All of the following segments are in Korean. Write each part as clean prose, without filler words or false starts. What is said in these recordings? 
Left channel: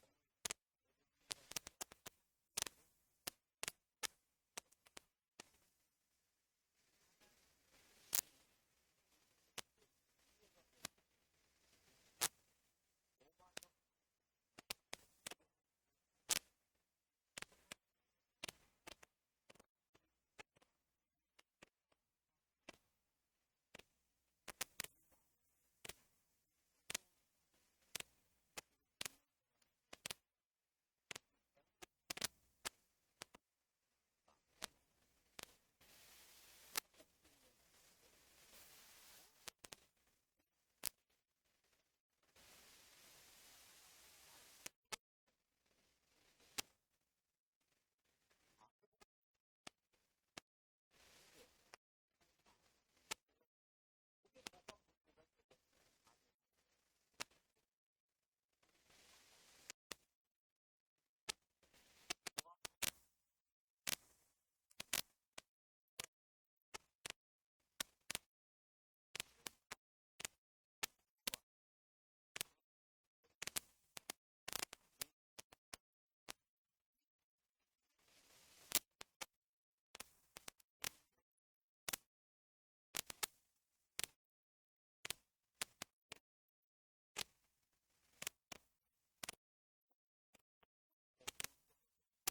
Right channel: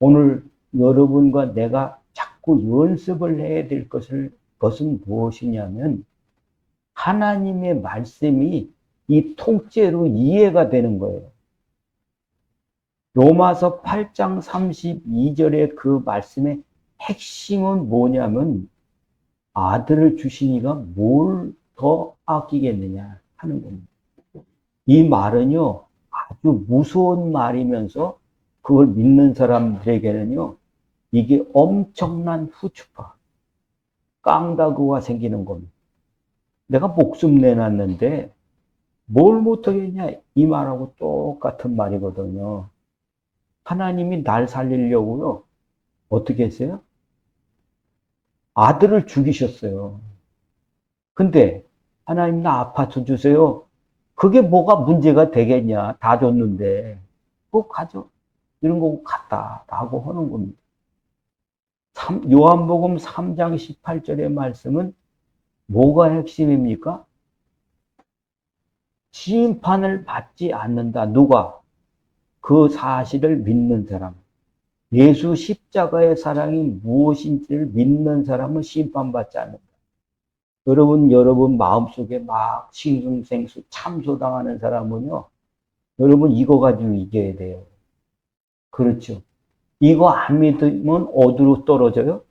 오늘 여러분과 내가 자꾸 연습을 해야 될 것은 무엇이냐면, 하나님의 말씀이 이 통째로 이해가 되는 거예요. 로마서 8장 32절의 그 말씀의 핵심은 뭐냐면, 아들을 주시니가 뭘 더 아끼겠느냐 하는 겁니다. 이 말은요, 아주 무서운 말이면서 그걸 믿는 사람들에게는요, 이게 엄청난 후추파, 깡다구가 생기는 겁니다. 내가 목숨 내놨는데 뭘 못하겠냐, 이 말하고 똑같은 말이거든요. 하나님이 날 살리려고요, 어떻게 했어요? 아들을 죽이셨어요. 근데 하나님 나 아파트 주세요. 그게 뭐가 문제가 되겠냐. 다 줬는데. 그거 가져. 이런 거 갔다라고 하는 겁니다. 요한복음 3장 18절의 말씀은 뭐가 핵심입니까? 심판을 받지 않는다. 누가? 그 사실을 믿는 사람. 예수 십자가의 사랑이 무엇인지를 믿는 사람은 심판받지 않는다. 여러분 마음속에 막 싱숭생수 참소당하는 사람은요, 여러분 이거 가지고 이겨야 돼요. 그렇죠. 이거 안 믿으면 어디로 떨어져요?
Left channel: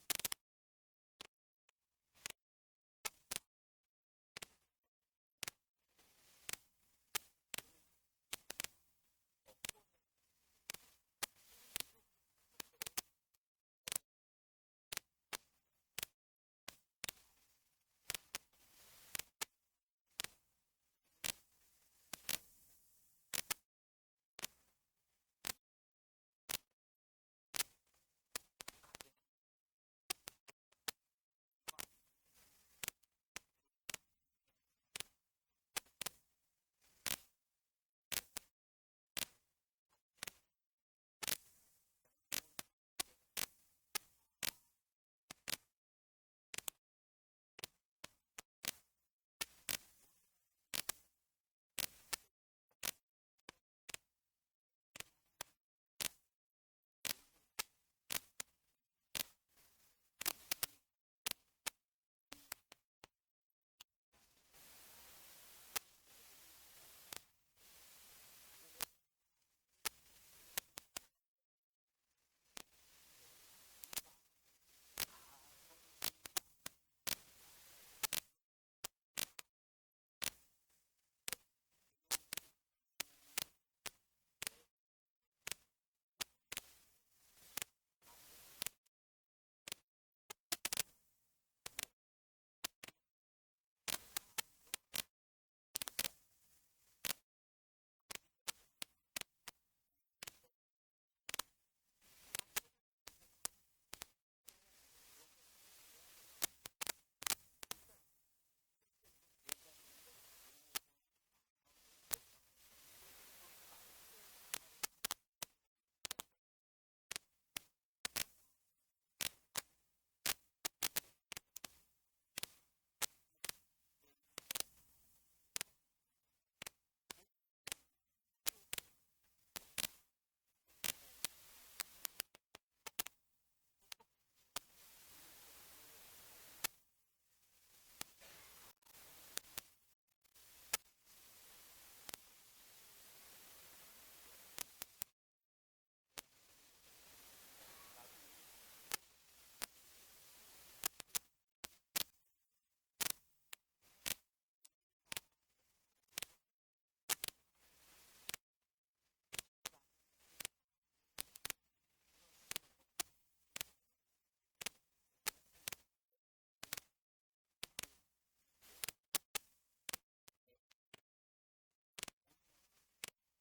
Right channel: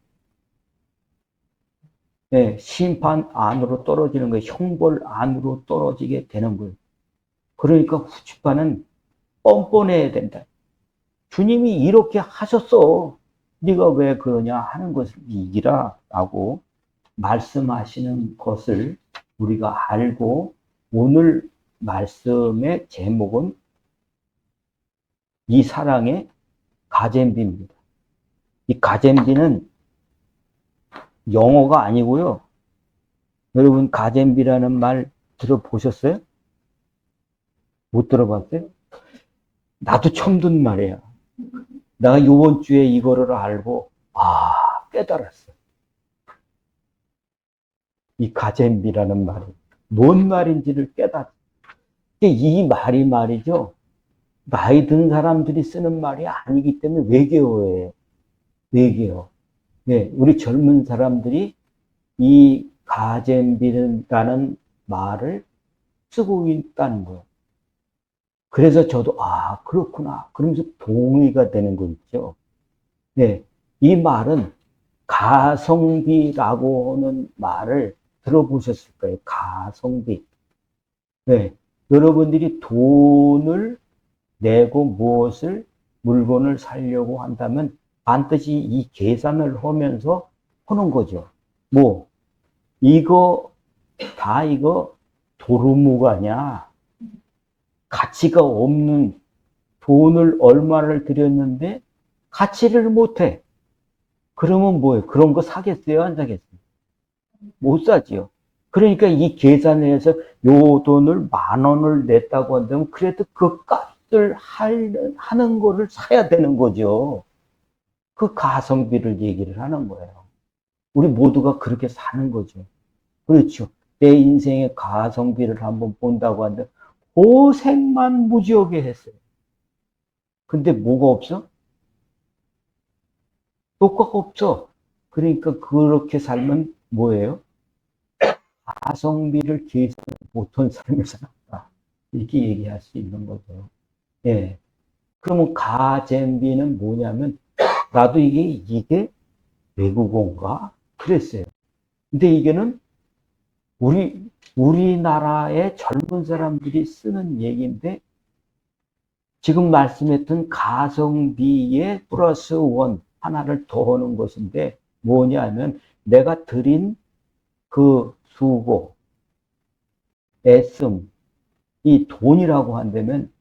네, 심판 안으로 떨어지는 거예요. 형벌 안으로 떨어지게 되는 거예요. 그러니까 후추파는 뻔뻔해야 된다. 주님이 이렇게 하셨어. 네가 왜 그러냐 하는 것을 이기라 라고 말씀하시는 것을 우리가 알고, 오늘 말씀의 제목은 이 사랑의 가잼비입니다. 이 가잼비는 영어가 아니고요. 여러분 가잼비라는 말 들어보셨어요? 못 들어봤어요? 나도 처음 듣는 말이야. 내가 이번 주에 이거를 알고 깨달았어. 이 가잼비라는 말이 뭔 말인지를 깨달았어. 이 말이 말이죠, 나이 든 사람들이 쓰는 말이 아니기 때문에 외계어예요. 외계어. 네, 우리 젊은 사람들이 이 가잼비라는 말을 쓰고 있다는 거예요. 그래서 저도 그렇구나 그러면서 동의가 되는 거 있죠. 네, 이 말은 가성비라고 하는 말을 들어보셨을 거예요. 가성비. 네, 여러분들이 돈을 내고 무엇을 물건을 사려고 한다면 반드시 이 계산을 하면서 하는 거죠. 뭐 이거 도루묵아냐, 가치가 없는, 돈을 얼마를 들였는데 가치를 못해. 그러면 뭐예요? 그런 거 사겠어요? 안 사겠어요? 못 사지요. 그러니까 이 계산을 해서 요 돈을 10,000원을 냈다고 한다면 그래도 그 값을 하는 거를 사야 되는 거죠. 그 가성비를 얘기를 하는 거예요. 우리 모두가 그렇게 사는 거죠. 그렇죠. 내 인생의 가성비를 한번 본다고 하는데 고생만 무지하게 했어요. 근데 뭐가 없어? 효과가 없어. 그러니까 그렇게 살면 뭐예요? 가성비를 계산 못한 삶을 살았다. 이렇게 얘기할 수 있는 거죠. 예. 그러면 가잼비는 뭐냐면, 나도 이게 외국어인가? 그랬어요. 근데 이게는 우리나라의 젊은 사람들이 쓰는 얘기인데, 지금 말씀했던 가성비에 플러스 원 하나를 더 하는 것인데, 뭐냐면 내가 드린 그 수고, 애씀, 이 돈이라고 한다면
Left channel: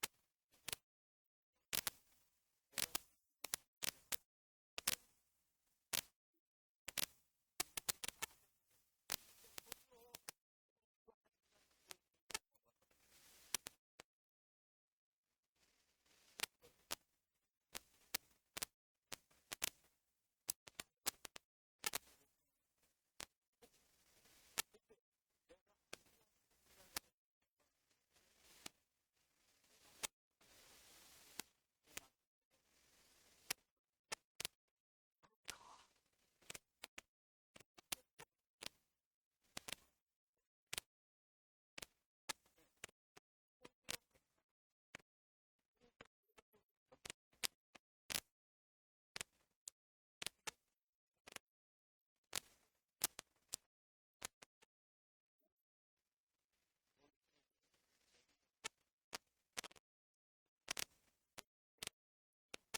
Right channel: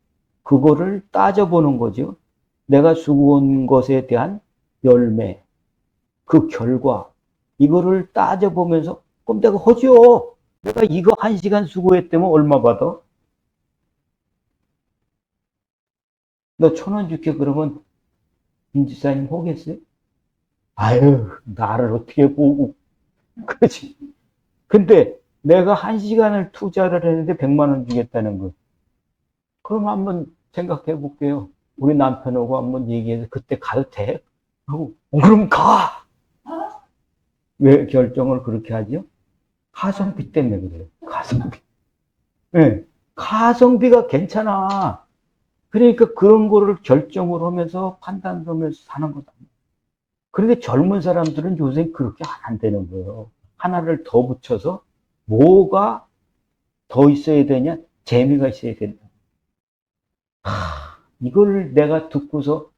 그거를 따져보는 거죠. 내가 수고한 것에 대한 열매, 그 결과, 이거를 따져보면서 그럼 내가 하죠. 내가 이거 1시간 수고했다면 얼마 받아? 너 1,000원 줄게. 그러면 김지사님 하겠어요? 아유, 나를 어떻게 보고. 그렇지. 근데 내가 1시간을 투자를 했는데 100만 원 주겠다는 거. 그럼 한번 생각해 볼게요. 우리 남편하고 한번 얘기해서 그때 가도 돼? 하고, 그럼 가! 왜 결정을 그렇게 하죠? 가성비 때문에 그래요. 가성비. 네. 가성비가 괜찮아. 그러니까 그런 거를 결정을 하면서 판단을 하면서 사는 거다. 그런데 젊은 사람들은 요새 그렇게 안 되는 거예요. 하나를 더 붙여서 뭐가 더 있어야 되냐? 재미가 있어야 된다. 이걸 내가 듣고서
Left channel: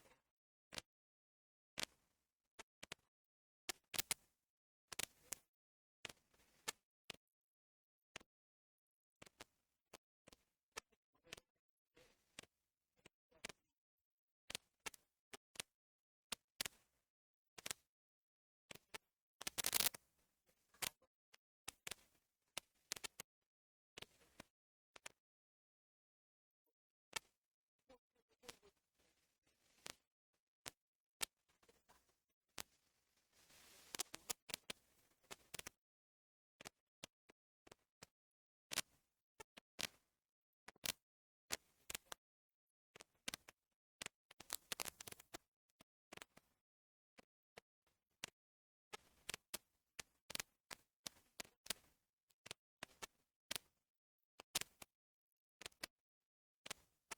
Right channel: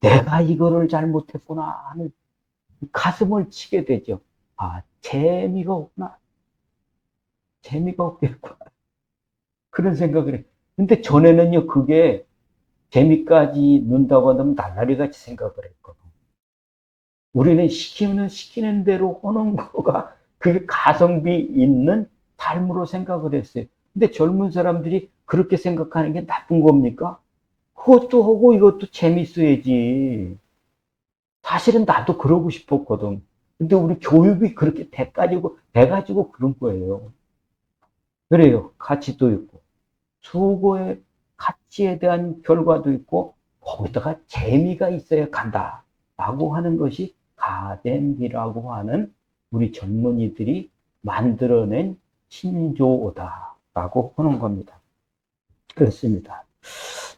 내가 이거를 잘못했구나 하는 가슴을 치게 되죠. 아, 재미가 없구나. 재미가 없겠구나. 그런 생각을 해. 근데 전에는요, 그게 재미까지 넣는다고 하면 날라리 같이 생각을 했거든. 우리는 시키는 대로 하는 거가 그게 가성비 있는 삶으로 생각을 했어요. 근데 젊은 사람들이 그렇게 생각하는 게 나쁜 겁니까? 그것도 하고 이것도 재밌어야지. 사실은 나도 그러고 싶었거든. 근데 우리 교육이 그렇게 돼가지고 그런 거예요. 그래요. 가치도 있고, 수고의 가치에 대한 결과도 있고, 거기다가 재미가 있어야 간다. 라고 하는 것이 가덴비라고 하는 우리 젊은이들이 만들어낸 신조어다. 라고 하는 겁니다. 그렇습니다.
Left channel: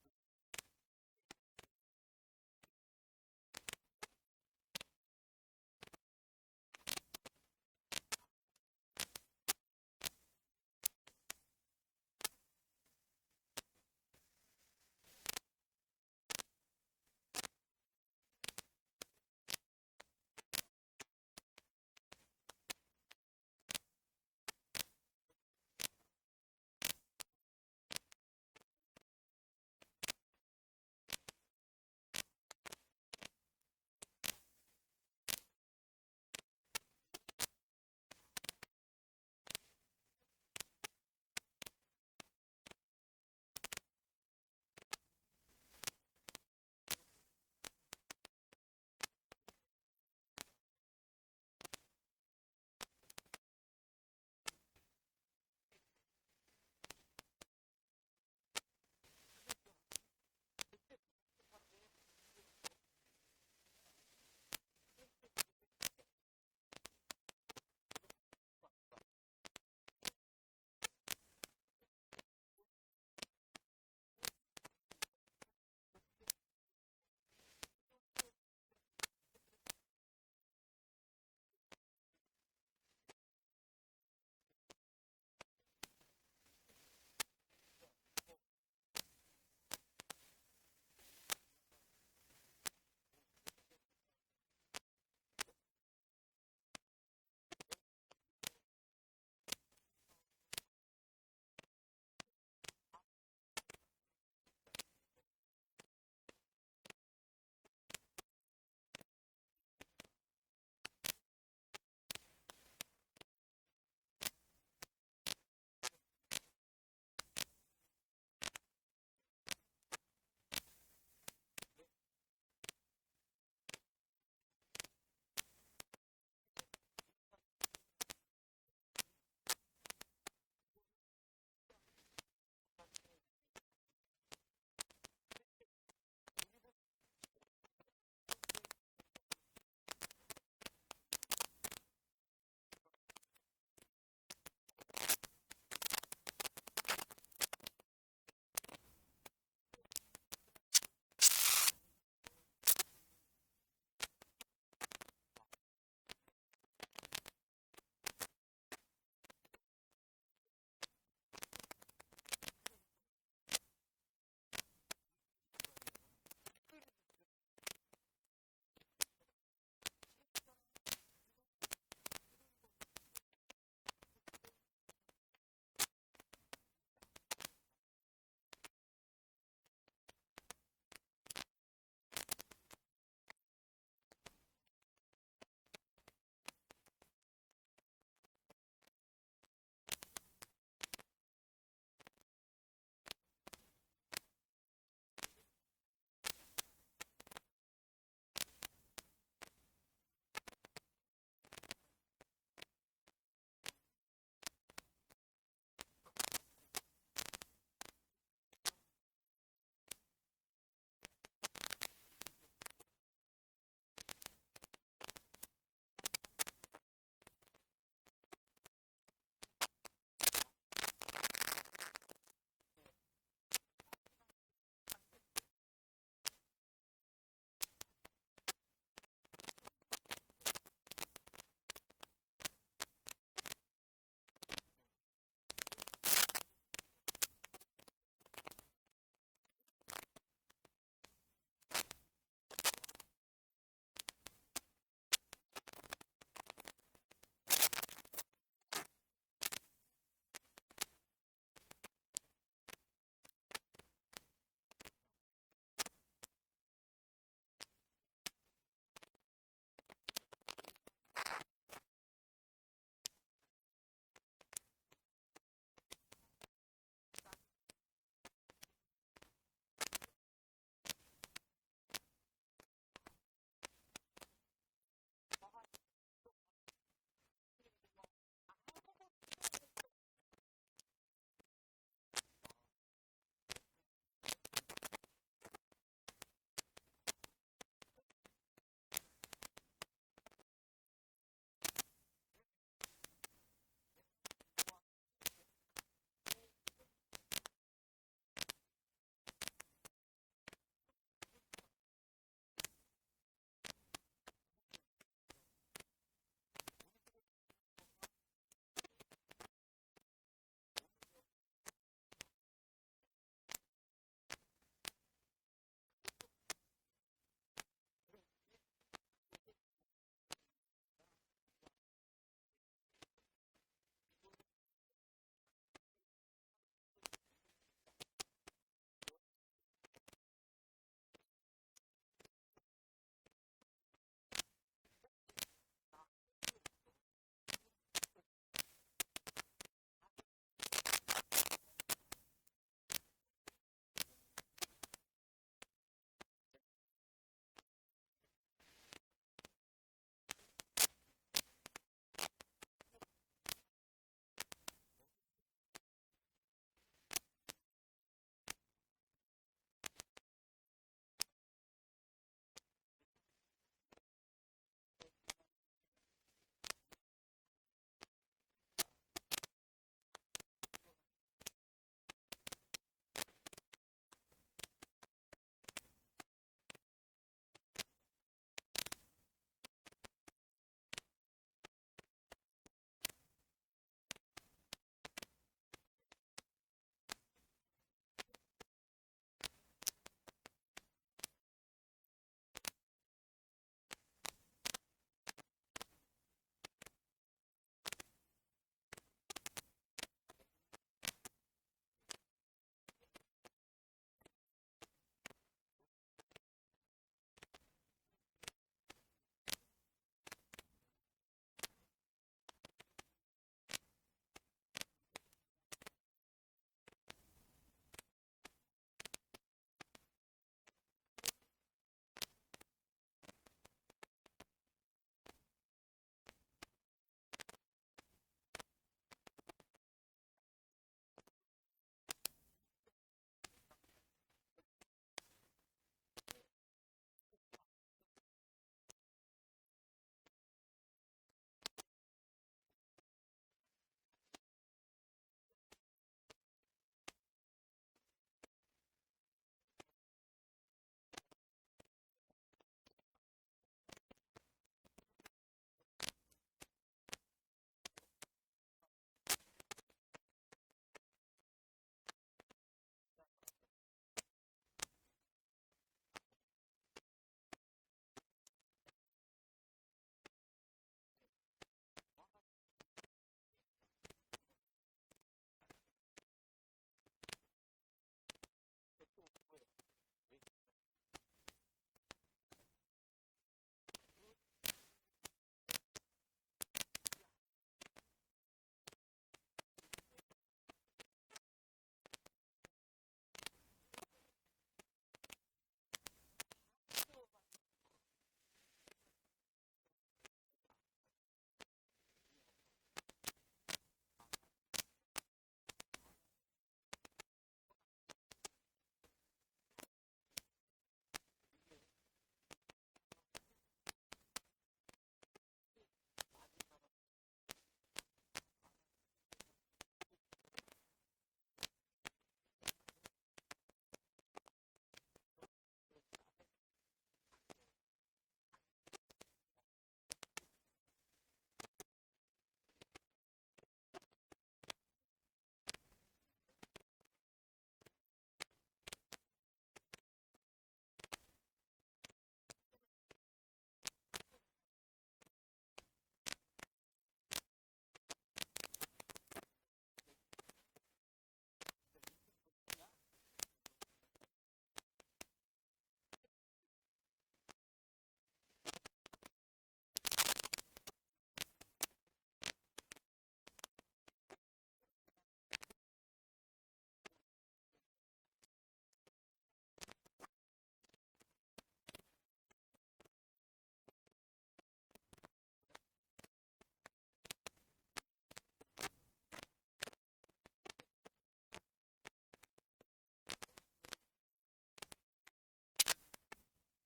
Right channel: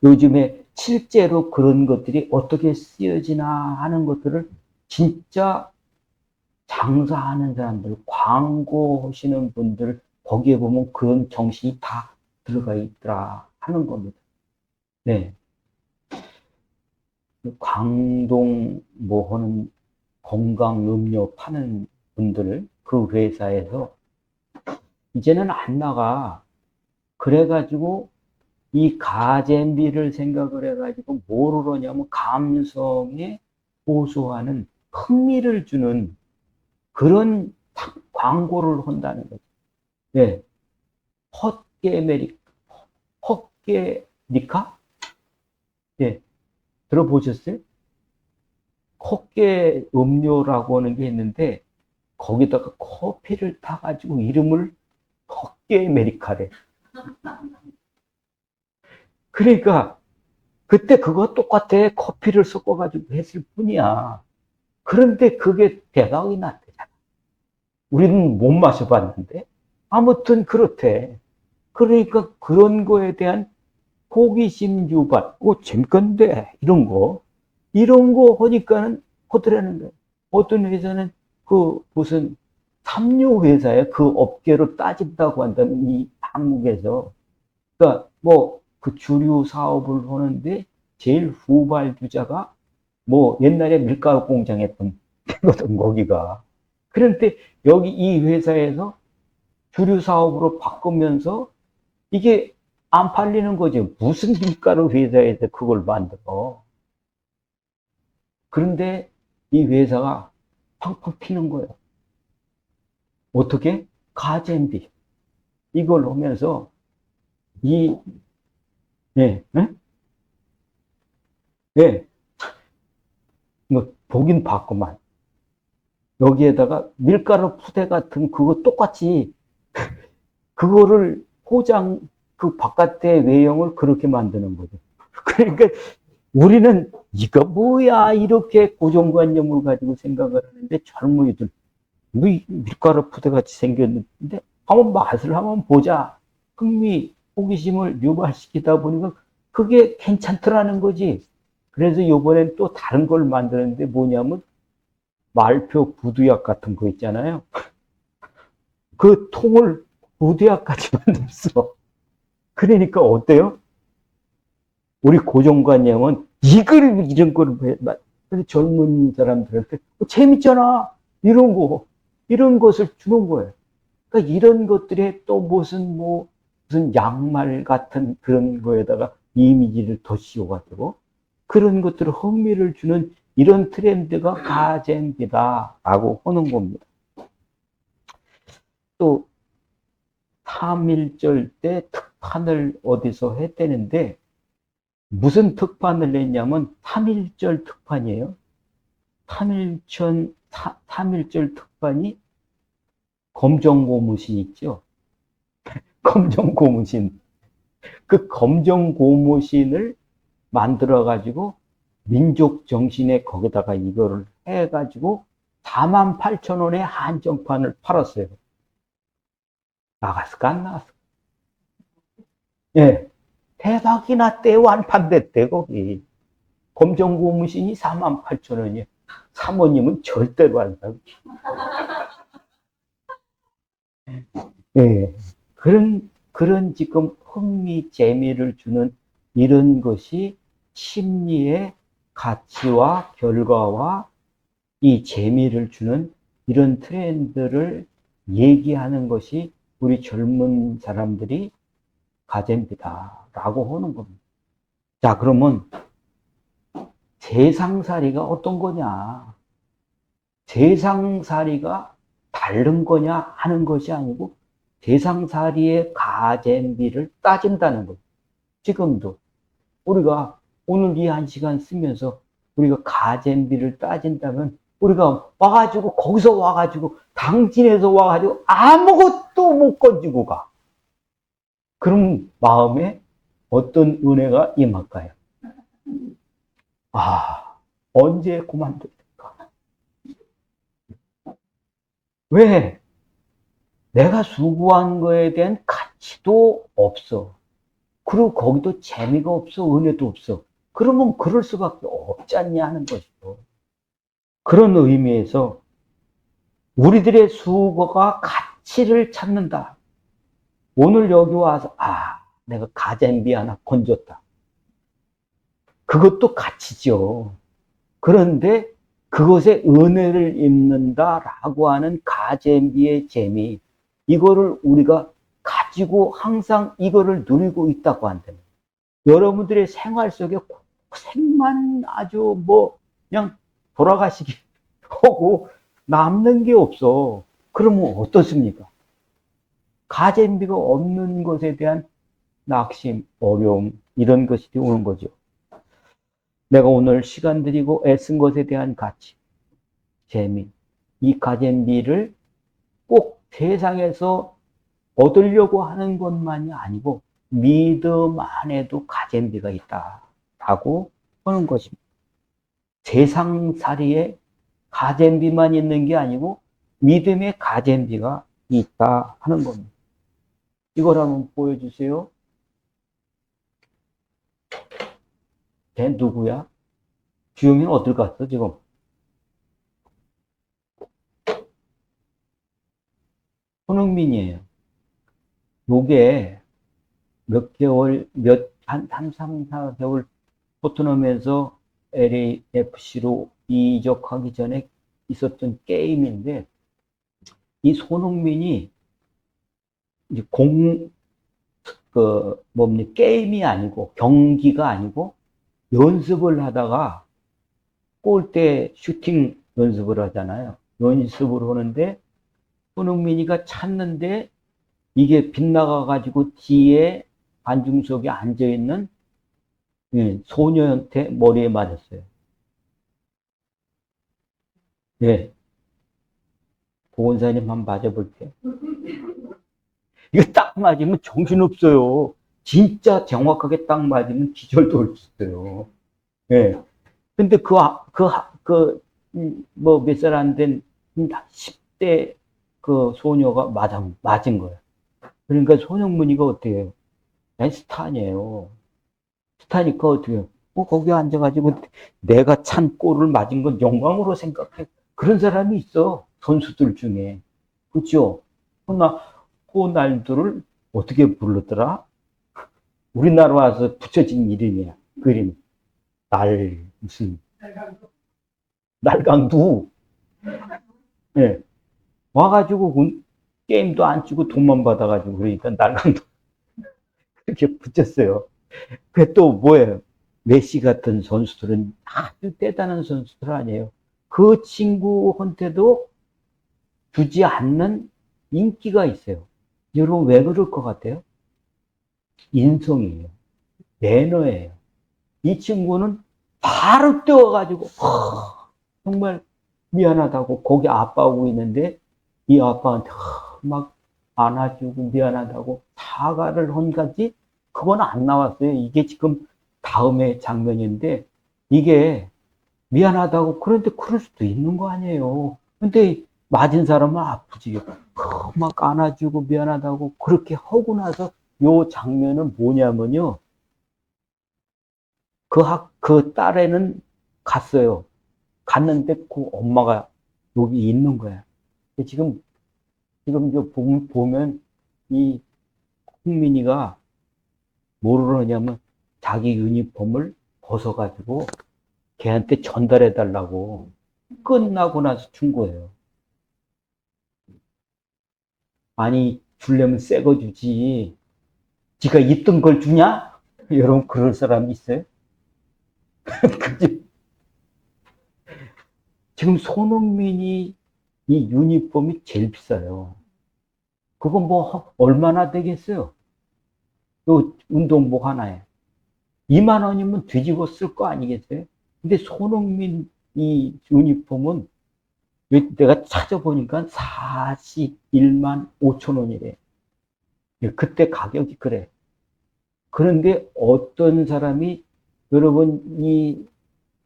요즘에 실제로 그런 것들이 어떻게 쓰여지나 하는 것들을 진짜 장사하는 사람들, 광고 하시는 분들, 거기에 보면 그런 정신이 다 들어가 있더라 하는 겁니다. 네. 광동 뭐 하는 건강 음료 파는 분들, 그 회사에서 이제는 안 나가. 그래가지고 이 가잼비를 생각을 해가지고 뭐를 하냐면 감성에 호소하는 흥미를 주는 그런 광고를 한다는 거죠. 네. 헛개니까? 예, 들어보셨어요? 헛개 음료라고 하는 게 있는데, 거기다가 커피를 타가지고 이름을 헛개 아메리카래. 그러니까, 그때 그거 똑같아. 커피를 섞어가지고 했을 뿐이야. 그런데 그게 대박이 났대잖아. 우리는 못 마셔봤는데. 아무튼 그렇대. 그러니까 그런 거에 대한 호기심 유발, 재밌건데, 이런 거 하니까는 하더라는 거예요. 어떤 회사는 그 무슨 삼류 회사에 그 업계로 따진다고 한다면 이 한국에서. 그러니까 뭐 그 주류 사업을 하는데 제일 후발주자가 뭐 옛날에 밀가루 공장 했던 거든, 거기가. 그런데 여기 이 회사에서 주류 사업으로 바꾸면서 이게 안 팔리는 거죠. 무슨 밀가루 회사에서 그걸 만들어. 그런데 이 회사가 팡팡 튀는 거예요. 어떻게? 가잼비. 이걸 오면서 이, 예, 예? 예, 뭐, 보긴 봤구만. 여기에다가 밀가루 푸대 같은 그거 똑같이 그거를 포장, 그 바깥의 외형을 그렇게 만드는 거죠. 그러니까 우리는 이거 뭐야 이렇게 고정관념을 가지고 생각을 하는데 젊은이들 뭐 밀가루 푸대 같이 생겼는데 한번 맛을 한번 보자 흥미 호기심을 유발시키다 보니까 그게 괜찮더라는 거지. 그래서 이번엔 또 다른 걸 만드는데 뭐냐면 말표 부두약 같은 거 있잖아요. 그 통을 부두약까지 만들었어. 그러니까 어때요? 우리 고정관념은 이런 거를 왜 젊은 사람들한테 재밌잖아 이런 것을 주는 거예요. 그러니까 이런 것들에 또 무슨 양말 같은 그런 거에다가 이미지를 더 씌워가지고 그런 것들을 흥미를 주는 이런 트렌드가 가젠비다라고 하는 겁니다. 또 3.1절 때 특판을 어디서 했다는데 무슨 특판을 냈냐면 3.1절 특판이에요. 3.1절 특판이 검정고무신 있죠. 검정고무신. 그 검정고무신을 만들어가지고 민족 정신에 거기다가 이거를 해가지고 48,000원에 한정판을 팔았어요. 나갔을까 안 나갔을까? 예, 대박이나 때 완판됐대 거기. 검정 고무신이 48,000원이에요. 사모님은 절대로 안 사고. 예, 그런 지금 흥미, 재미를 주는 이런 것이 심리의 가치와 결과와 이 재미를 주는 이런 트렌드를 얘기하는 것이 우리 젊은 사람들이 가잼비다라고 하는 겁니다. 자, 그러면 세상살이가 어떤 거냐? 세상살이가 다른 거냐 하는 것이 아니고 세상살이의 가잼비를 따진다는 거죠. 지금도 우리가 오늘 이 1시간 쓰면서 우리가 가잼비를 따진다면 우리가 와가지고 거기서 와가지고 당진에서 와가지고 아무것도 못 건지고 가. 그럼 마음에 어떤 은혜가 임할까요? 아, 언제 그만둘까? 왜? 내가 수고한 거에 대한 가치도 없어. 그리고 거기도 재미가 없어, 은혜도 없어. 그러면 그럴 수밖에 없지 않냐 하는 것이죠. 그런 의미에서 우리들의 수고가 가치를 찾는다. 오늘 여기 와서 내가 가잼비 하나 건졌다. 그것도 가치죠. 그런데 그것에 은혜를 입는다라고 하는 가잼비의 재미, 이거를 우리가 가지고 항상 이거를 누리고 있다고 한다면 여러분들의 생활 속에 생만 아주 그냥 돌아가시기 하고 남는 게 없어. 그러면 어떻습니까? 가잼비가 없는 것에 대한 낙심, 어려움, 이런 것이 오는 거죠. 내가 오늘 시간 들이고 애쓴 것에 대한 가치, 재미, 이 가잼비를 꼭 세상에서 얻으려고 하는 것만이 아니고 믿음 안에도 가잼비가 있다라고 하는 것입니다. 세상살이에 가잼비만 있는 게 아니고 믿음의 가잼비가 있다 하는 겁니다. 이걸 한번 보여주세요. 걔 누구야? 주영이는 어딜 갔어 지금? 손흥민이에요. 요게 몇 개월, 한 3, 4개월 토트넘에서 LAFC로 이적하기 전에 있었던 게임인데, 이 손흥민이 이제 게임이 아니고, 경기가 아니고, 연습을 하다가 골대 슈팅 연습을 하잖아요. 연습을 하는데, 손흥민이가 찾는데, 이게 빗나가가지고 뒤에 관중석에 앉아있는 소녀한테 머리에 맞았어요. 네. 보건사님 한번 맞아볼게요. 이거 딱 맞으면 정신없어요. 진짜 정확하게 딱 맞으면 기절도 올 수 있어요. 네. 근데 몇 살 안 된 10대 그 소녀가 맞은 거예요. 그러니까 손흥민이가 어떻게 해요? 스타니에요. 스타니까 어떻게 해요? 거기 앉아가지고 내가 찬 골을 맞은 건 영광으로 생각해. 그런 사람이 있어. 선수들 중에. 그렇죠? 호날두를 어떻게 불렀더라? 우리나라 와서 붙여진 이름이야. 그 이름. 무슨. 날강두. 예. 와가지고 게임도 안 치고 돈만 받아가지고 그러니까 날강두. 그렇게 붙였어요. 그게 또 뭐예요? 메시 같은 선수들은 아주 대단한 선수들 아니에요. 그 친구한테도 주지 않는 인기가 있어요. 여러분 왜 그럴 것 같아요? 인성이에요. 매너예요. 이 친구는 바로 뛰어가지고 정말 미안하다고 거기 아빠하고 있는데 이 아빠한테 막 안아주고 미안하다고 사과를 한 가지 그건 안 나왔어요. 이게 지금 다음의 장면인데, 이게 미안하다고, 그런데 그럴 수도 있는 거 아니에요. 근데 맞은 사람은 아프지. 막 안아주고 미안하다고 그렇게 하고 나서 요 장면은 뭐냐면요. 그 딸애는 갔어요. 갔는데 그 엄마가 여기 있는 거야. 지금 보면 이 홍민이가 뭐를 하냐면 자기 유니폼을 벗어가지고 걔한테 전달해 달라고 끝나고 나서 준 거예요. 아니, 주려면 새 거 주지. 지가 있던 걸 주냐? 여러분, 그럴 사람 있어요? 지금 손흥민이 이 유니폼이 제일 비싸요. 그거 뭐 얼마나 되겠어요? 또 운동복 하나에 2만 원이면 뒤집어 쓸 거 아니겠어요? 근데 손흥민 이 유니폼은 내가 찾아보니까 41만 5천 원이래. 그때 가격이 그래. 그런데 어떤 사람이, 여러분, 이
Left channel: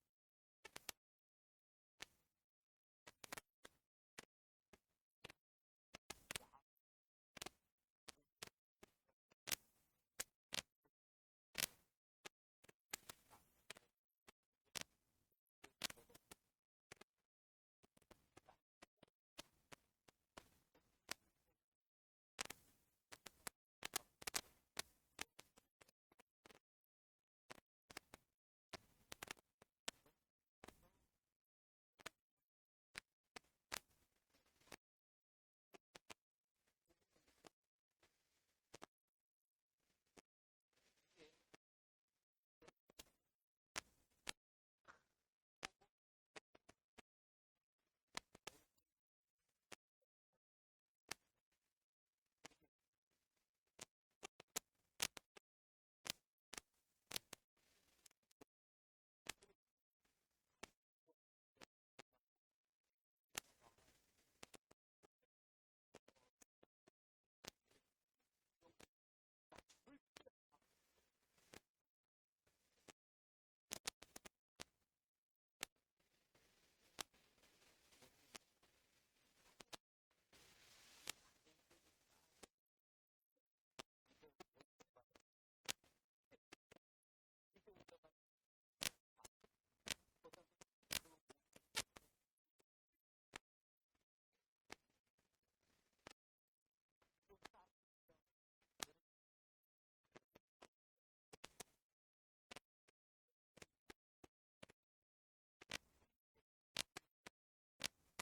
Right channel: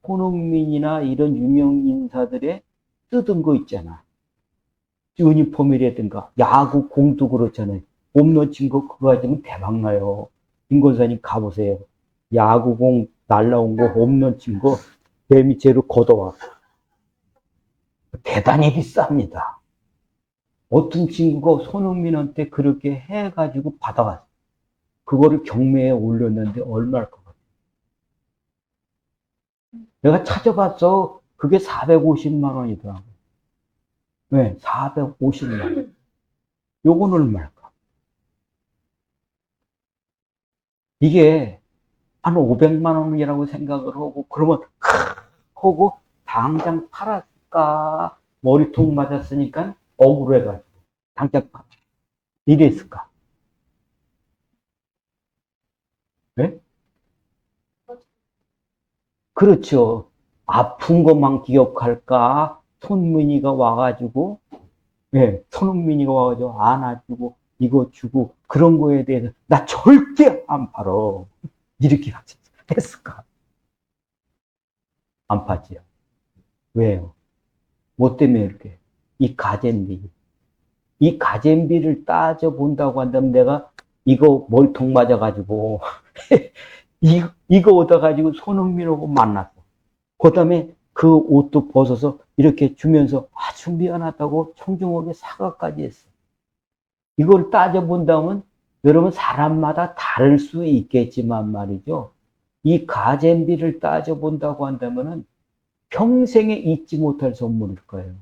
손흥민이나 이런 유명 인사들의 뜯은 거 있잖아. 유니폼이라든가 야구 공도 그렇잖아요. 홈런 친 거 그거 가지면 대박 나요. 김건사님 가보세요. 야구공 날라온 거 홈런 친 거 매미째로 걷어와. 대단히 비쌉니다. 어떤 친구가 손흥민한테 그렇게 해가지고 받아왔어. 그거를 경매에 올렸는데 얼마일 것 같아? 내가 찾아봤어. 그게 450만 원이더라고. 네, 450만 원. 요건 얼마일까? 이게 한 500만 원이라고 생각을 하고, 그러면 하고 당장 팔았을까? 머리통 맞았으니까 억울해가지고 당장 이랬을까? 네? 그렇죠. 아픈 것만 기억할까? 손민이가 와가지고, 예, 손흥민이가 와가지고 안아주고 이거 주고 그런 거에 대해서 나 절대 안 팔어. 이렇게 했을까? 안 팔지요. 왜요? 뭐 때문에 이렇게? 이 가잼비. 이 가잼비를 따져본다고 한다면 내가 이거 멀통 맞아가지고 이거 얻어가지고 손흥민하고 만났어. 그 다음에 그 옷도 벗어서 이렇게 주면서 아주 미안하다고 청중에게 사과까지 했어. 이걸 따져본다면 여러분 사람마다 다를 수 있겠지만 말이죠. 이 가잼비를 따져본다고 한다면은 평생에 잊지 못할 선물일 거예요.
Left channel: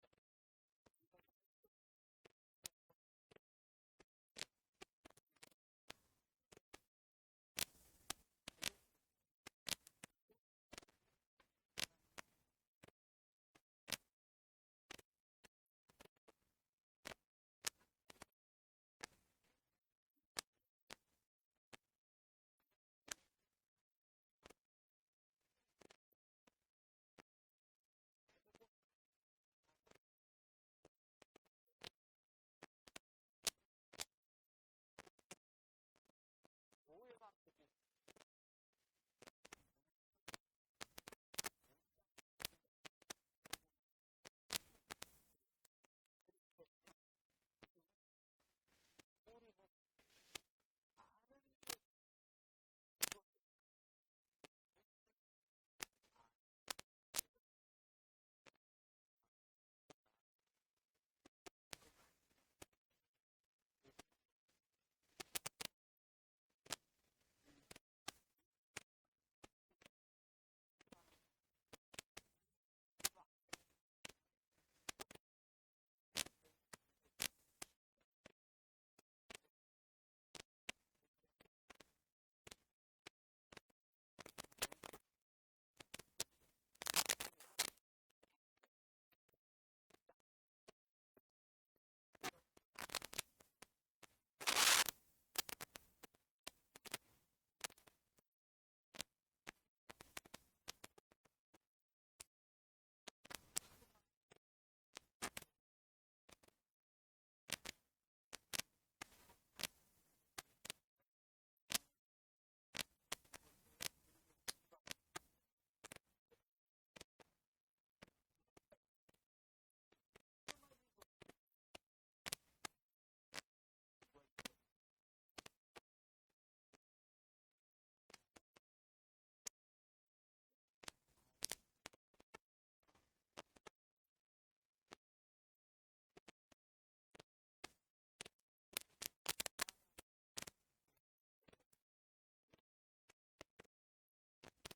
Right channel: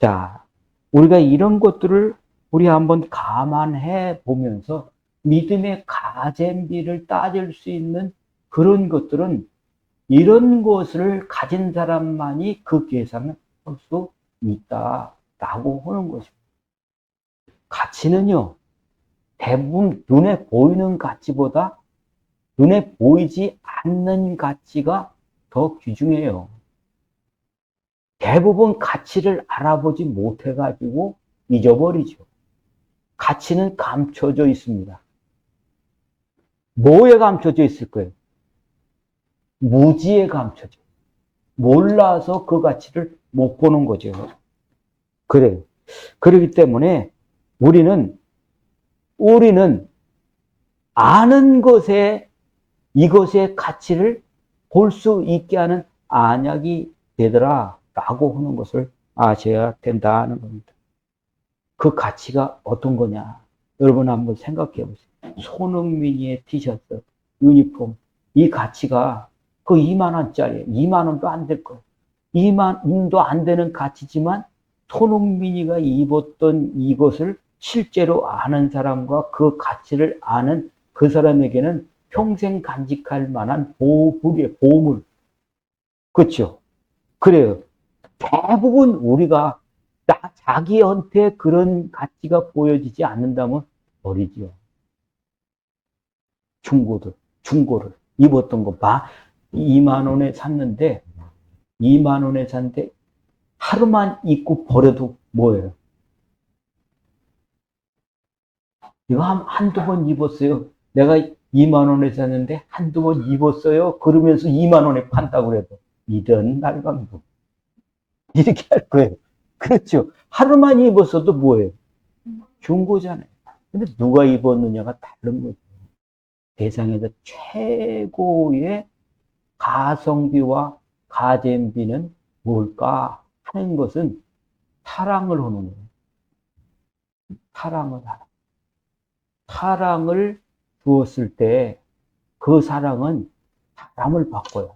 자, 우리가 이런 것들을 우리 한번 감안해 보면서 믿음의 가잼비를 따질 수 있는 그런 것들은 이런 것을 가진 사람만이 그 계산을 할 수 있다라고 하는 것입니다. 가치는요, 대부분 눈에 보이는 가치보다 눈에 보이지 않는 가치가 더 귀중해요. 대부분 가치를 알아보지 못해가지고 잊어버리죠. 가치는 감춰져 있습니다. 뭐에 감춰져 있을 거예요? 무지에 감춰져. 몰라서 그 가치를 못 보는 거죠. 그래요. 그렇기 때문에 우리는 아는 것에 이것의 가치를 볼 수 있게 하는 안약이 되더라 라고 하는 것을 아셔야 된다는 겁니다. 그 가치가 어떤 거냐? 여러분 한번 생각해 보세요. 손흥민이의 티셔츠, 유니폼, 이 가치가 그 2만 원짜리, 2만 원도 안 될 거예요. 2만 원도 안 되는 가치지만 손흥민이가 입었던 이것을 실제로 아는 사람과 그 가치를 아는 그 사람에게는 평생 간직할 만한 보물. 그렇죠? 그래요. 대부분 우리가 자기한테 그런 가치가 보여지지 않는다면 버리지요. 중고를 입었던 거 봐. 2만 원에 샀는데 2만 원에 샀는데 하루만 입고 버려도 뭐예요? 이거 한두 번 입었어요. 내가 2만 원에 샀는데 한두 번 입었어요. 그러면서 2만 원에 판다고 그래도 이런 날감도 이렇게 할 거예요. 그렇죠. 하루만 입었어도 뭐예요? 중고잖아요. 근데 누가 입었느냐가 다른 거죠. 세상에서 최고의 가성비와 가전비는 뭘까 하는 것은 사랑을 하는 거예요. 사랑을 주었을 때 그 사랑은 사람을 바꿔요.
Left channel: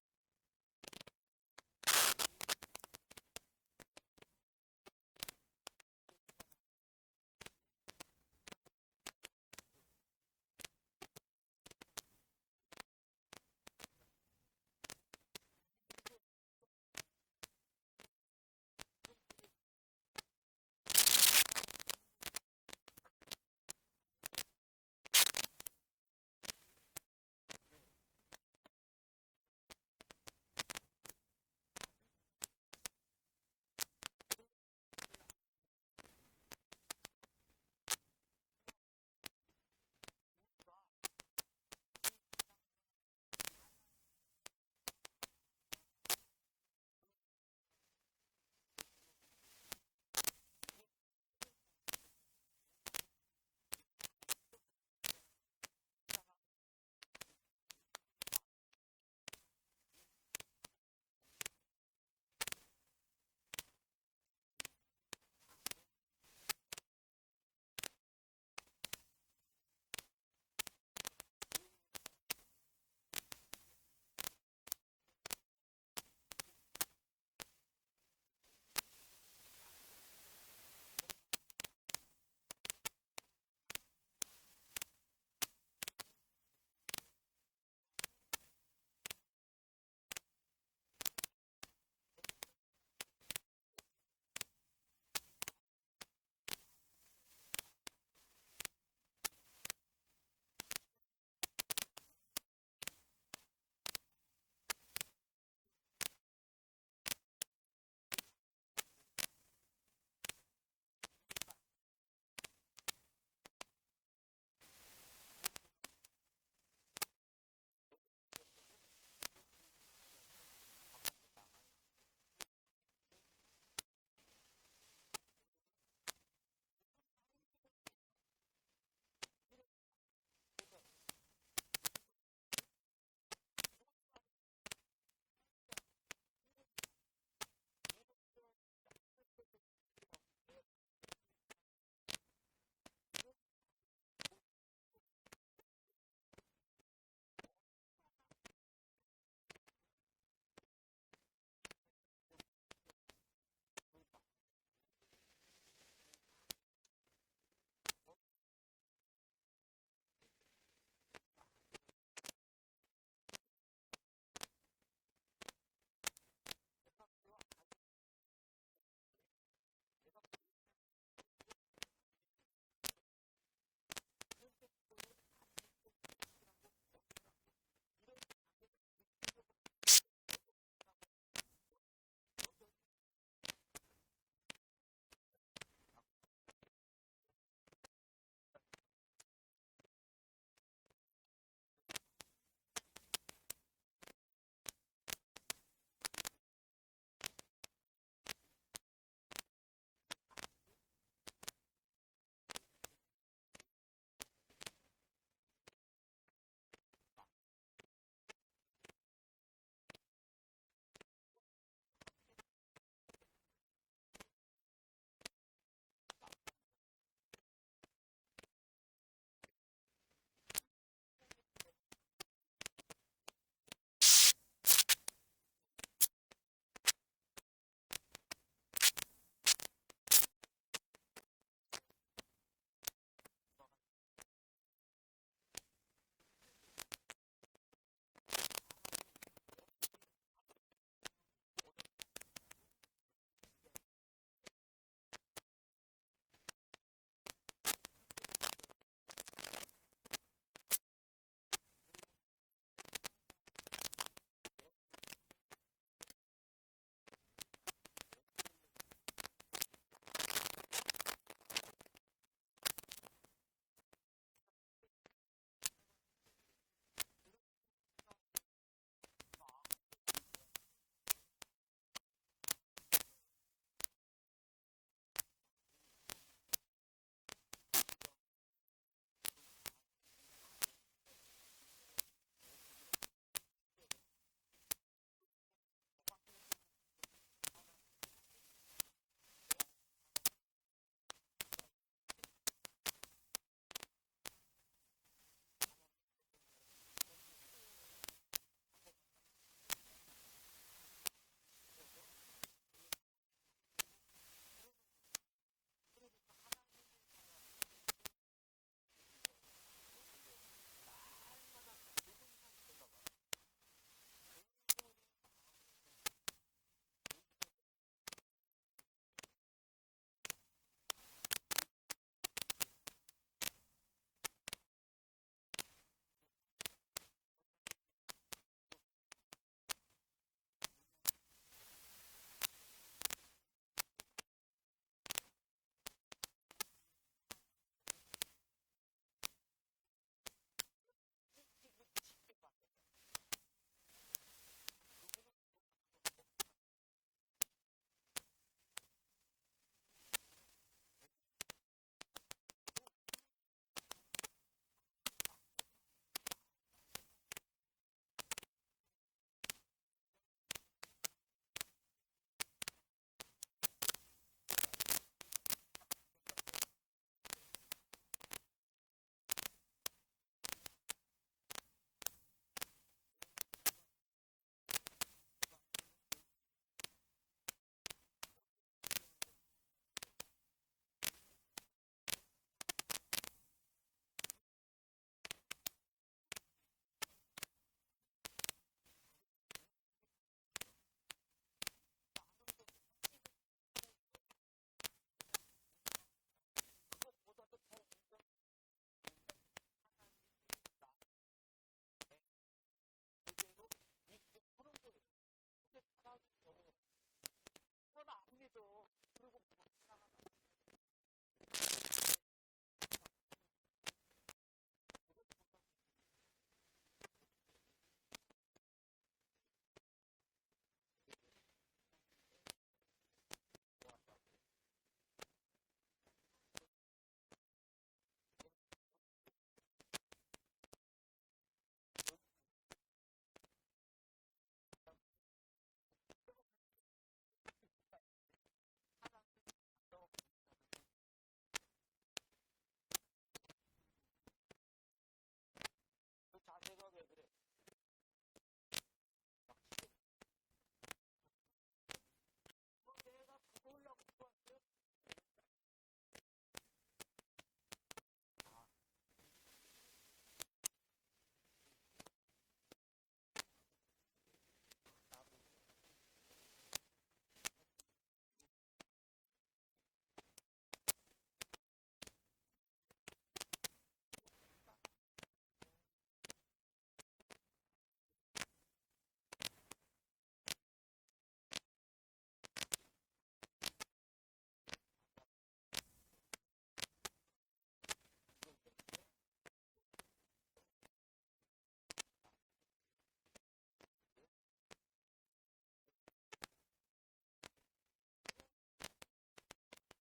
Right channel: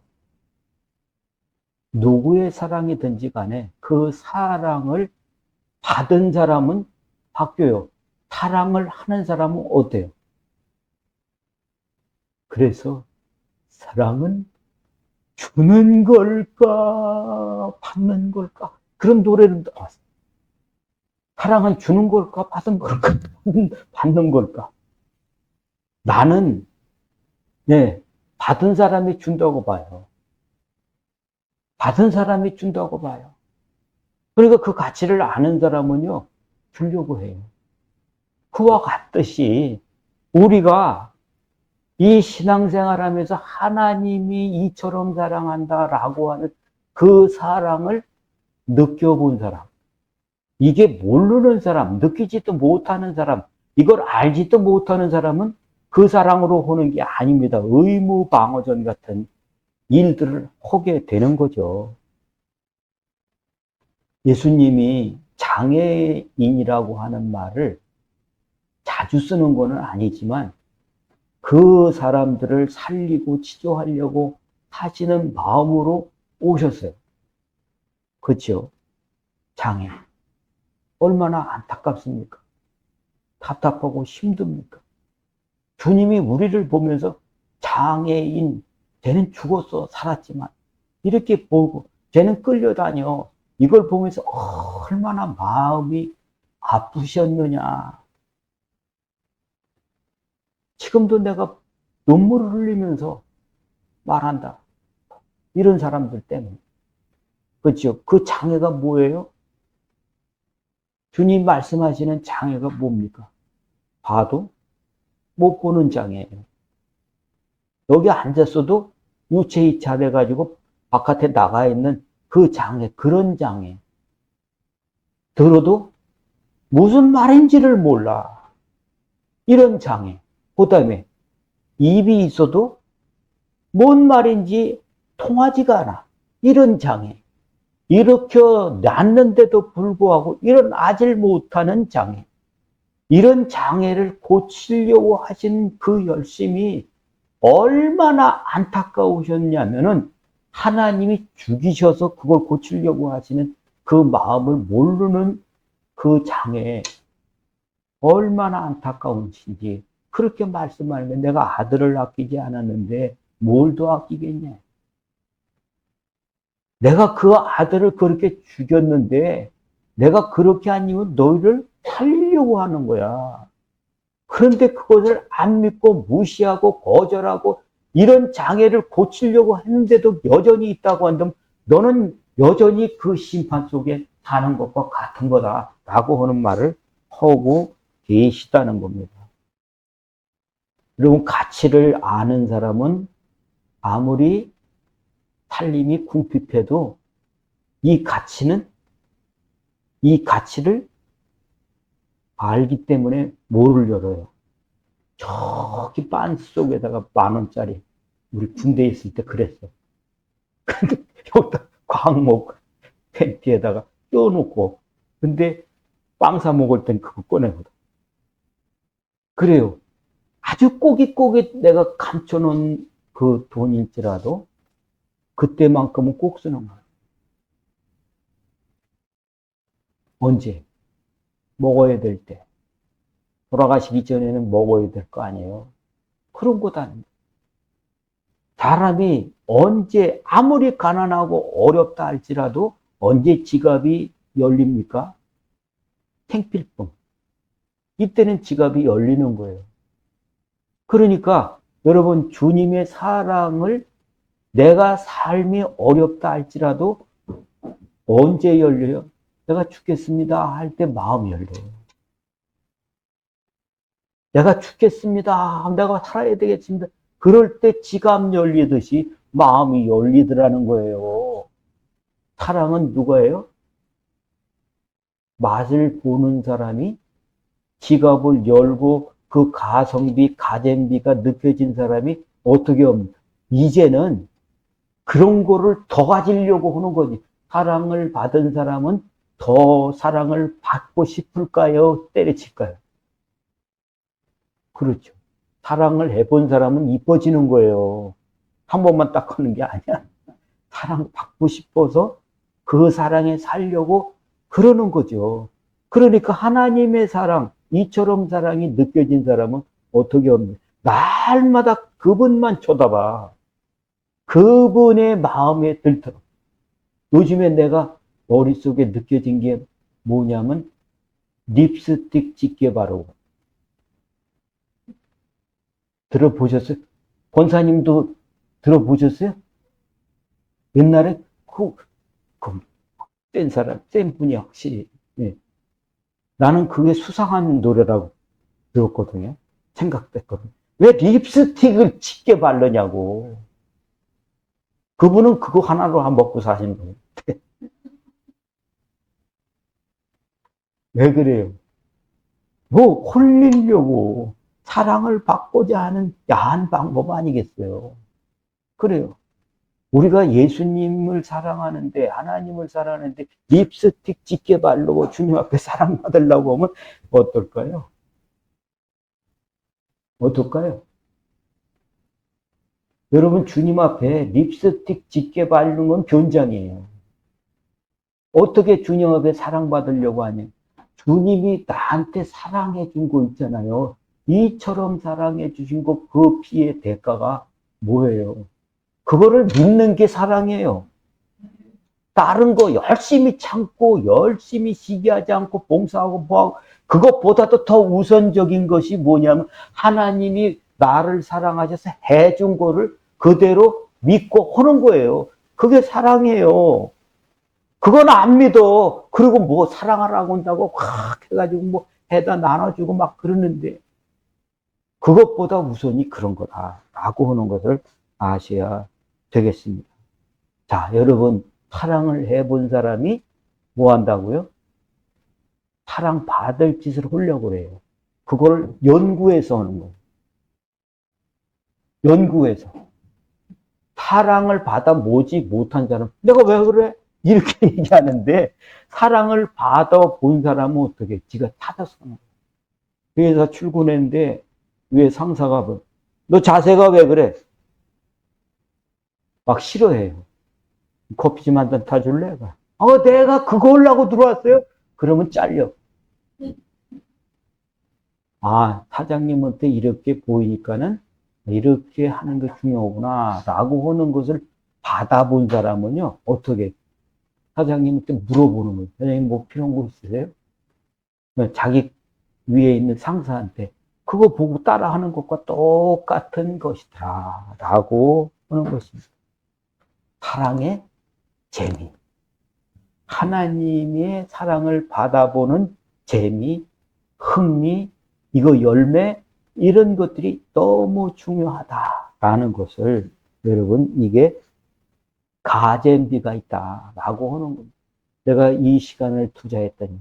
누구의 사랑이든지 간에 그 사랑을 받은 사람은 바뀌어요. 사랑을 하는 사람은 어때요? 그래서 사랑은 주는 걸까 받는 걸까 그런 노래를 나왔어요. 사랑은 주는 걸까 받는 걸까 받는 걸까. 나는 받은 사람이 준다고 봐요. 받은 사람이 준다고 봐요. 그러니까 그 가치를 아는 사람은요 주려고 해요. 그와 같듯이 우리가 이 신앙생활하면서 하나님이 이처럼 사랑한다라고 하는 그 사랑을 느껴본 사람, 이게 모르는 사람, 느끼지도 못하는 사람, 이걸 알지도 못하는 사람은 그 사랑으로 하는 게 아닙니다. 의무방어전 같은 일들을 하게 되는 거죠. 예수님이 장애인이라고 하는 말을 자주 쓰는 거는 아니지만 그 사람들을 살리고 치료하려고 하시는 마음으로 오셨어요. 그렇죠? 장애. 얼마나 안타깝습니까? 답답하고 힘듭니까? 주님이 우리를 보면서 장애인, 쟤는 죽었어, 살았지만. 이렇게 보고, 쟤는 끌려다녀. 이걸 보면서 얼마나 마음이 아프셨느냐. 지금도 내가 눈물을 흘리면서 말한다. 이런 사람들 때문에. 그렇죠? 그 장애가 뭐예요? 주님 말씀하시는 장애가 뭡니까? 봐도 못 보는 장애예요. 여기 앉았어도 유체이탈해가지고 바깥에 나가 있는 그 장애, 그런 장애. 들어도 무슨 말인지를 몰라. 이런 장애. 그 다음에 입이 있어도 뭔 말인지 통하지가 않아. 이런 장애. 일으켜 놨는데도 불구하고 일어나질 못하는 장애. 이런 장애를 고치려고 하신 그 열심이 얼마나 안타까우셨냐면은 하나님이 죽이셔서 그걸 고치려고 하시는 그 마음을 모르는 그 장애에 얼마나 안타까운지 그렇게 말씀하면 내가 아들을 아끼지 않았는데 뭘 더 아끼겠냐. 내가 그 아들을 그렇게 죽였는데 내가 그렇게 한 이유는 너희를 살리려고 하는 거야. 그런데 그것을 안 믿고 무시하고 거절하고 이런 장애를 고치려고 했는데도 여전히 있다고 한다면 너는 여전히 그 심판 속에 사는 것과 같은 거다라고 하는 말을 하고 계시다는 겁니다. 여러분, 가치를 아는 사람은 아무리 살림이 궁핍해도 이 가치를 알기 때문에 뭐를 열어요? 저기 빤스 속에다가 10,000원짜리 우리 군대에 있을 때 그랬어. 근데 여기다 광목 팬티에다가 껴놓고 근데 빵 사 먹을 땐 그거 꺼내거든. 그래요. 아주 꼬깃꼬깃 내가 감춰놓은 그 돈일지라도 그때만큼은 꼭 쓰는 거야. 언제? 먹어야 될 때. 돌아가시기 전에는 먹어야 될 거 아니에요. 그런 것 아닙니다. 사람이 언제 아무리 가난하고 어렵다 할지라도 언제 지갑이 열립니까? 생필품. 이때는 지갑이 열리는 거예요. 그러니까 여러분 주님의 사랑을 내가 삶이 어렵다 할지라도 언제 열려요? 내가 죽겠습니다 할 때 마음이 열려요. 내가 죽겠습니다. 내가 살아야 되겠습니다. 그럴 때 지갑 열리듯이 마음이 열리더라는 거예요. 사랑은 누가예요? 맛을 보는 사람이 지갑을 열고 그 가성비, 가잼비가 느껴진 사람이 어떻게 합니까? 이제는 그런 거를 더 가지려고 하는 거지. 사랑을 받은 사람은 더 사랑을 받고 싶을까요? 때려칠까요? 그렇죠. 사랑을 해본 사람은 이뻐지는 거예요. 한 번만 딱 하는 게 아니야. 사랑받고 싶어서 그 사랑에 살려고 그러는 거죠. 그러니까 하나님의 사랑, 이처럼 사랑이 느껴진 사람은 어떻게 합니까? 날마다 그분만 쳐다봐. 그분의 마음에 들도록. 요즘에 내가 머릿속에 느껴진 게 뭐냐면 립스틱 짙게 바르고. 들어보셨어요? 권사님도 들어보셨어요? 옛날에 센 사람, 센 분이 확실히. 예. 나는 그게 수상한 노래라고 들었거든요. 생각됐거든요. 왜 립스틱을 짙게 바르냐고. 그분은 그거 하나로 먹고 사시는 거예요. 왜 그래요? 뭐 홀리려고 사랑을 받고자 하는 야한 방법 아니겠어요? 그래요. 우리가 예수님을 사랑하는데, 하나님을 사랑하는데 립스틱 짙게 바르고 주님 앞에 사랑받으려고 하면 어떨까요? 어떨까요? 여러분, 주님 앞에 립스틱 짙게 바르는 건 변장이에요. 어떻게 주님 앞에 사랑받으려고 하냐? 주님이 나한테 사랑해 준 거 있잖아요. 이처럼 사랑해 주신 거, 그 피의 대가가 뭐예요? 그거를 믿는 게 사랑이에요. 다른 거 열심히 참고 열심히 시기하지 않고 봉사하고 뭐하고, 그것보다도 더 우선적인 것이 뭐냐면 하나님이 나를 사랑하셔서 해준 거를 그대로 믿고 하는 거예요. 그게 사랑이에요. 그건 안 믿어. 그리고 뭐 사랑하라고 한다고 확 해가지고 뭐 해다 나눠주고 막 그러는데, 그것보다 우선이 그런 거다라고 하는 것을 아셔야 되겠습니다. 자, 여러분, 사랑을 해본 사람이 뭐 한다고요? 사랑받을 짓을 하려고 그래요. 그걸 연구해서 하는 거예요. 연구해서. 사랑을 받아 보지 못한 사람, 내가 왜 그래? 이렇게 얘기하는데, 사랑을 받아 본 사람은 어떻게? 지가 찾아서 하는 거예요. 회사 출근했는데, 왜 상사가 너 자세가 왜 그래? 막 싫어해요. 커피 좀 한 잔 타줄래? 내가 그거 하려고 들어왔어요? 그러면 잘려. 사장님한테 이렇게 보이니까는 이렇게 하는 게 중요하구나 라고 하는 것을 받아본 사람은요, 어떻게 사장님한테 물어보는 거예요. 사장님 뭐 필요한 거 있으세요? 자기 위에 있는 상사한테 그거 보고 따라하는 것과 똑같은 것이다 라고 하는 것입니다. 사랑의 재미, 하나님의 사랑을 받아보는 재미, 흥미, 이거 열매, 이런 것들이 너무 중요하다라는 것을, 여러분, 이게 가잼비가 있다라고 하는 겁니다. 내가 이 시간을 투자했더니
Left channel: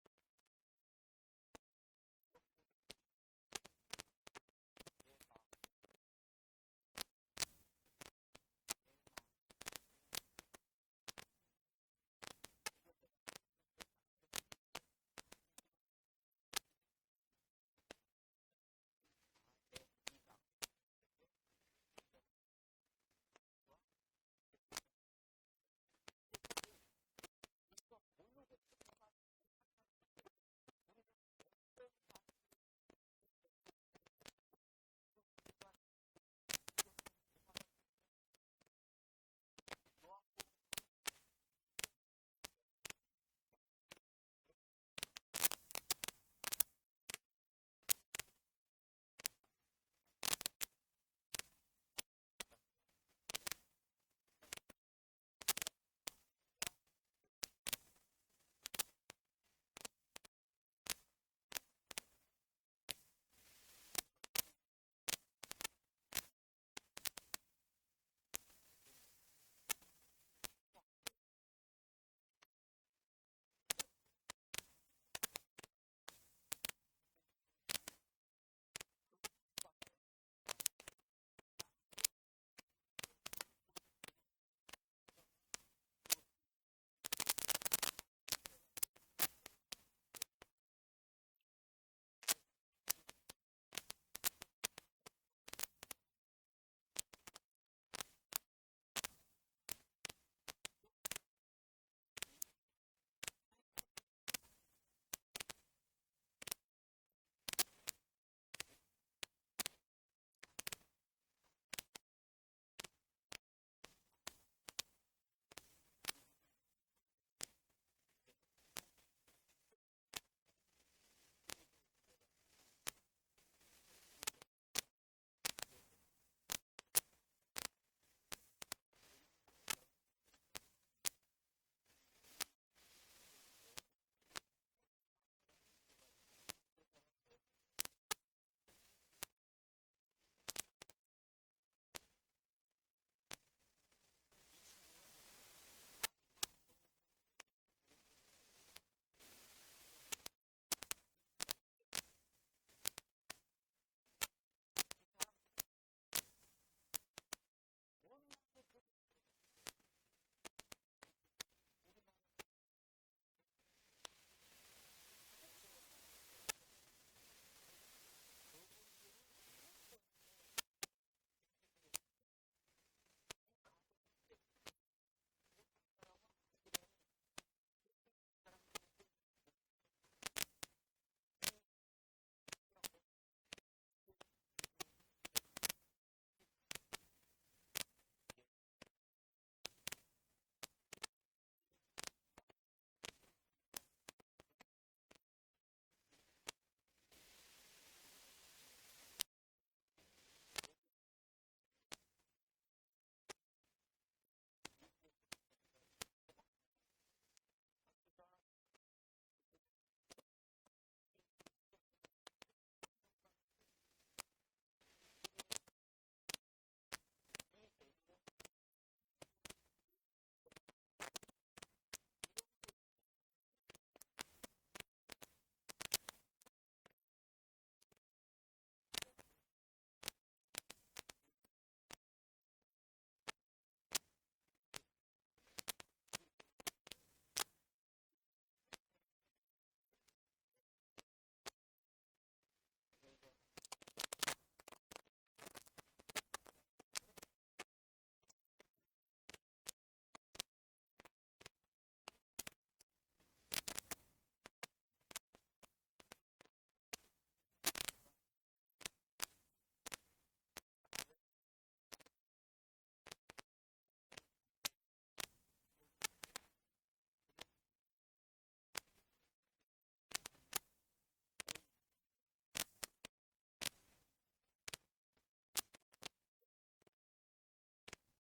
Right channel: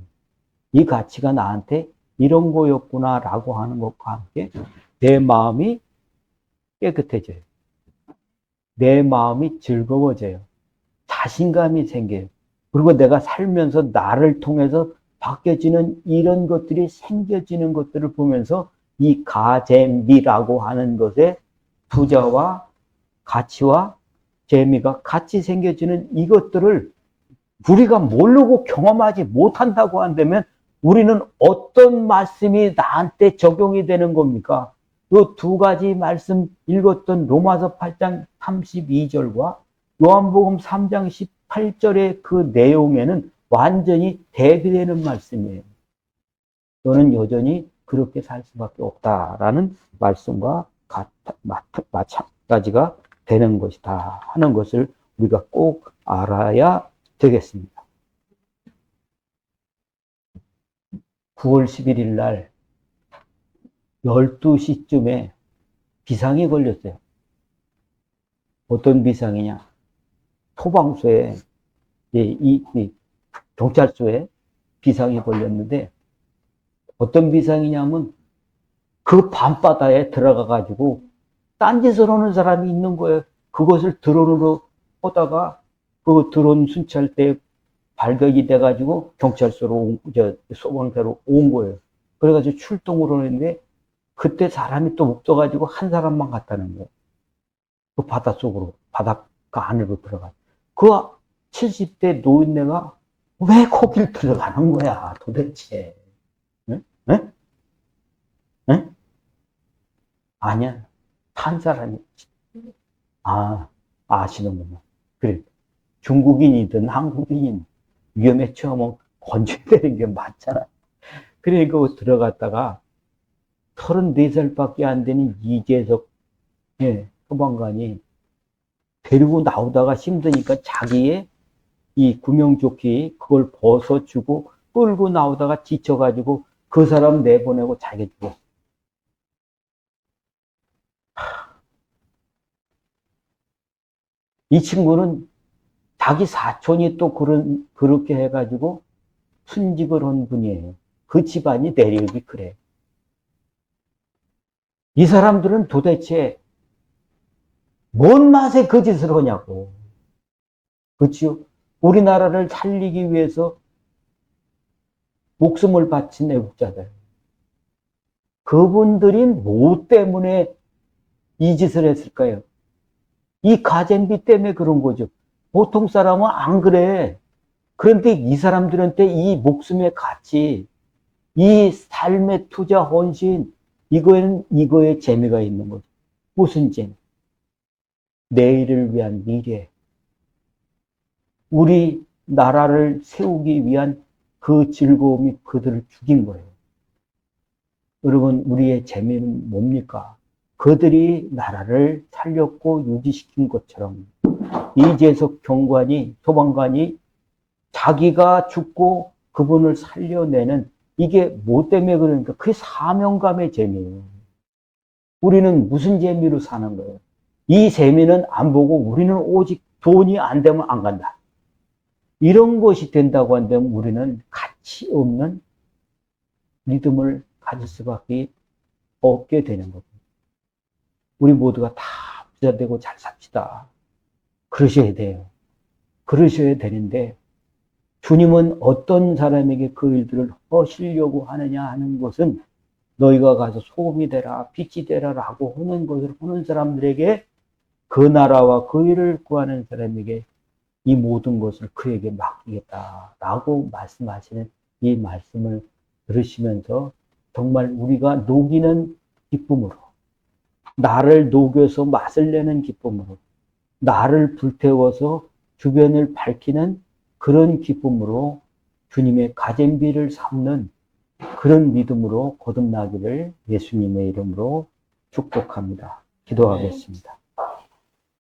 이 가치가 나한테 이런 거였구나라고 하는 것과 함께 내 마음이 깨끗해져요. 내 마음이 즐거워져요. 자신감이 생겨요. 그리고 내가 살면서 나를 통해서 바뀌어지는 이런 것들이 생겨지는 것들을 보면서 이 가재미라고 하는 것에 부자와 가치와 재미가 같이 생겨지는 이것들을 우리가 모르고 경험하지 못한다고 한다면 우리는 어떤 말씀이 나한테 적용이 되는 겁니까? 이 두 가지 말씀 읽었던 로마서 8장 32절과 요한복음 3장 18절의 그 내용에는 완전히 대비되는 말씀이에요. 너는 여전히 그렇게 살 수밖에 없다라는 말씀과 마찬가지가 되는 것이다 하는 것을 우리가 꼭 알아야 되겠습니다. 9월 11일 날 12시쯤에 비상이 걸렸어요. 어떤 비상이냐? 소방서에, 이 경찰서에 비상이 걸렸는데, 어떤 비상이냐면, 그 밤바다에 들어가가지고, 딴짓을 하는 사람이 있는 거예요. 그것을 드론으로 하다가, 그 드론 순찰대에 발각이 돼가지고, 경찰서로, 소방서로 온 거예요. 그래가지고 출동을 하는데, 그때 사람이 또 없어가지고, 한 사람만 갔다는 거예요. 그 바닷속으로, 바닷가 안으로 들어가. 그 70대 노인네가 왜 거길 들어가는 거야, 도대체. 응? 응? 응? 아니야. 탄 사람이. 아, 아시는구나. 그래. 중국인이든 한국인이든 위험에 처하면 건져야 되는 게 맞잖아. 그러니까 들어갔다가 34살밖에 안 되는 이재석 소방관이 데리고 나오다가 힘드니까 자기의 이 구명조끼 그걸 벗어주고 끌고 나오다가 지쳐가지고 그 사람 내보내고 자기 죽었어. 이 친구는 자기 사촌이 또 그렇게 해가지고 순직을 한 분이에요. 그 집안이 내력이 그래. 이 사람들은 도대체 뭔 맛에 그 짓을 하냐고. 그렇죠? 우리나라를 살리기 위해서 목숨을 바친 애국자들. 그분들이 뭐 때문에 이 짓을 했을까요? 이 가잼비 때문에 그런 거죠. 보통 사람은 안 그래. 그런데 이 사람들한테 이 목숨의 가치, 이 삶의 투자 헌신, 이거에 재미가 있는 거죠. 무슨 재미? 내일을 위한 미래. 우리 나라를 세우기 위한 그 즐거움이 그들을 죽인 거예요. 여러분, 우리의 재미는 뭡니까? 그들이 나라를 살렸고 유지시킨 것처럼 이재석 소방관이 자기가 죽고 그분을 살려내는 이게 뭐 때문에 그러니까 그게 사명감의 재미예요. 우리는 무슨 재미로 사는 거예요? 이 재미는 안 보고 우리는 오직 돈이 안 되면 안 간다. 이런 것이 된다고 한다면 우리는 가치 없는 믿음을 가질 수밖에 없게 되는 겁니다. 우리 모두가 다 부자 되고 잘 삽시다. 그러셔야 돼요. 그러셔야 되는데 주님은 어떤 사람에게 그 일들을 하시려고 하느냐 하는 것은 너희가 가서 소금이 되라 빛이 되라 라고 하는 것을 하는 사람들에게 그 나라와 그 일을 구하는 사람에게 이 모든 것을 그에게 맡기겠다라고 말씀하시는 이 말씀을 들으시면서 정말 우리가 녹이는 기쁨으로 나를 녹여서 맛을 내는 기쁨으로 나를 불태워서 주변을 밝히는 그런 기쁨으로 주님의 가잼비를 삼는 그런 믿음으로 거듭나기를 예수님의 이름으로 축복합니다. 기도하겠습니다.